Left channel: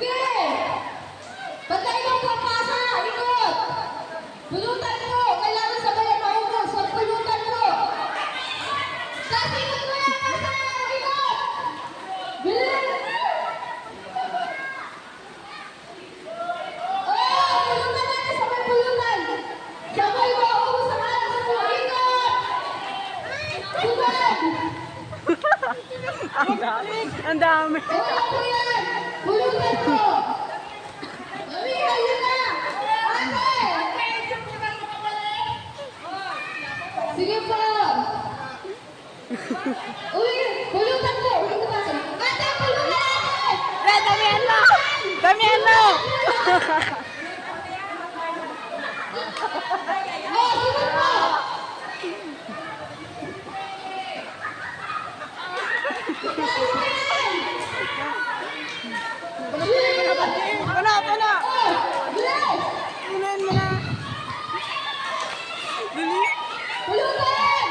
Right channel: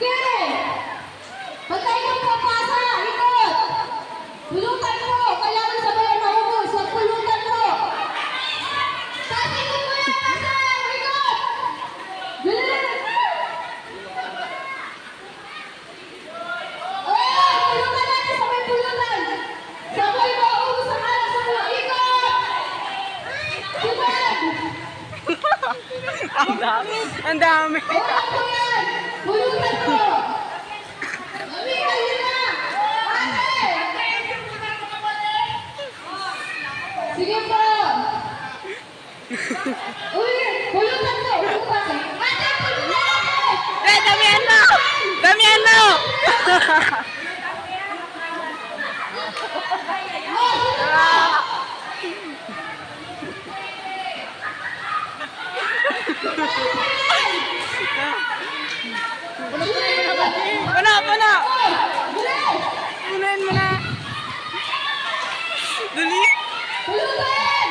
Sige! Bantay mo po, pasa! Ikot! Pulutan mo! Kailangan sabayan na ubos! Huwag pulutan mo! Tapos ikot mo yan! Pasa! Ikot! Bilis! Oh! Pulutan natin! Sabay pulutan! Sabay mo! Ubos ang alas sa mo! Ikot! Subad! Ang dami. Ang dami. Wala po yan! Pulutan mo! Mami, kayo na! Ate! Sige po! Uy! Pulutan mo! Pulutan mo! Ate! Pulutan ate! Damihan mo! Damihan mo! Oh! Sige po! Puno, puno! Oh! Bilis! Punuin mo na. Dali. Pulutan!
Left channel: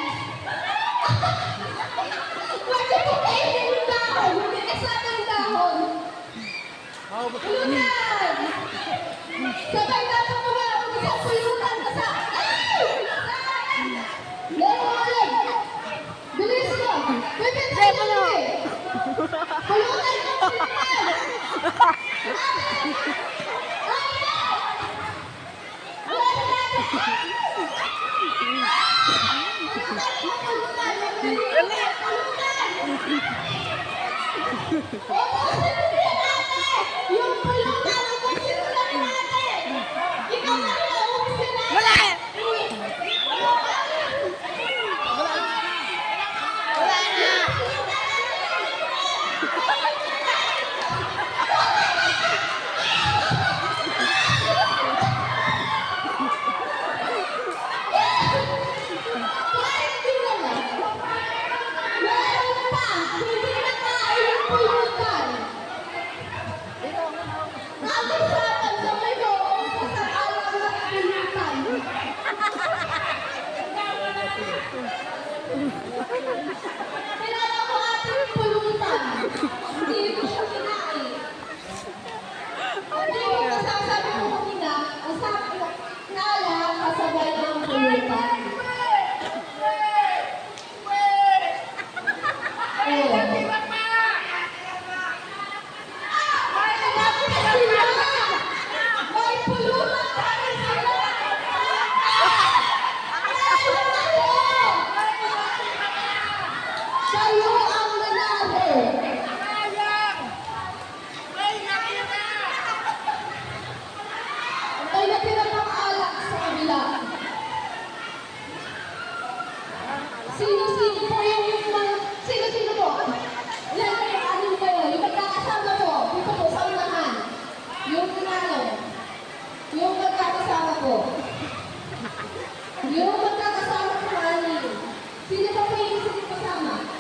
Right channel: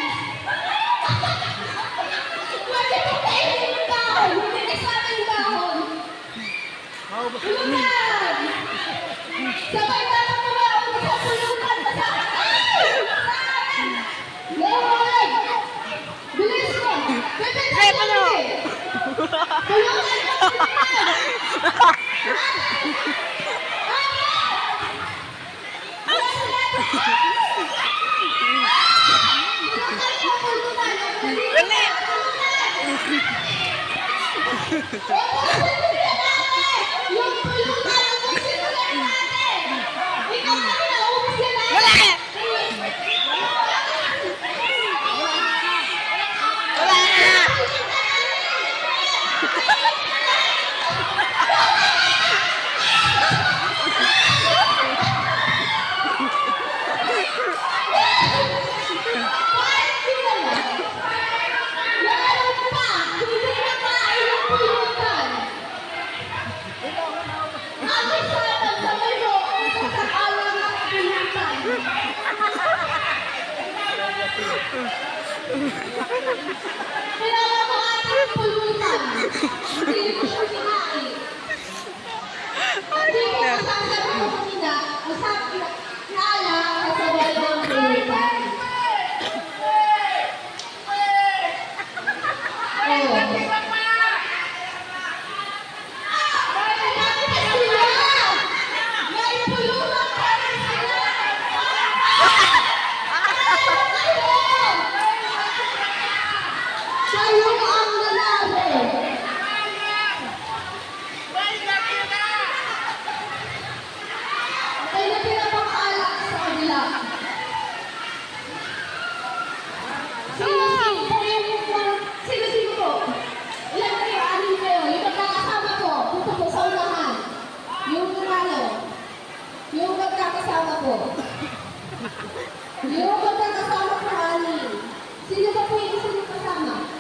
Pwede mo kainin yung dahon! Hindi sa ating dahon! Pulutan! Sabay na sa mga isang pulutan ka sa... Ay! Lord! Bilis mo! Pepe, Sige, puno. Pulutan ka! Dali. Yung pulutan ang sinulan natin! Ikaw na naubos ka na! Wala ka. Wala na. Kilala ko ating pulutan. Hindi ko siya kinain. Hindi ko masasabi ko kanina, nala kasabay ng pulutan. May pulutan pa rin sila! Kayo ang lalaki! May natira pang alak sa kabila. Sino-sino po yung... Sino-sino po? Ilan kayo? Anin kayo? Yung magkakasama po. Dito po sa unahan. Yung kunalo. Yung magkakasama po. Yung magkakasama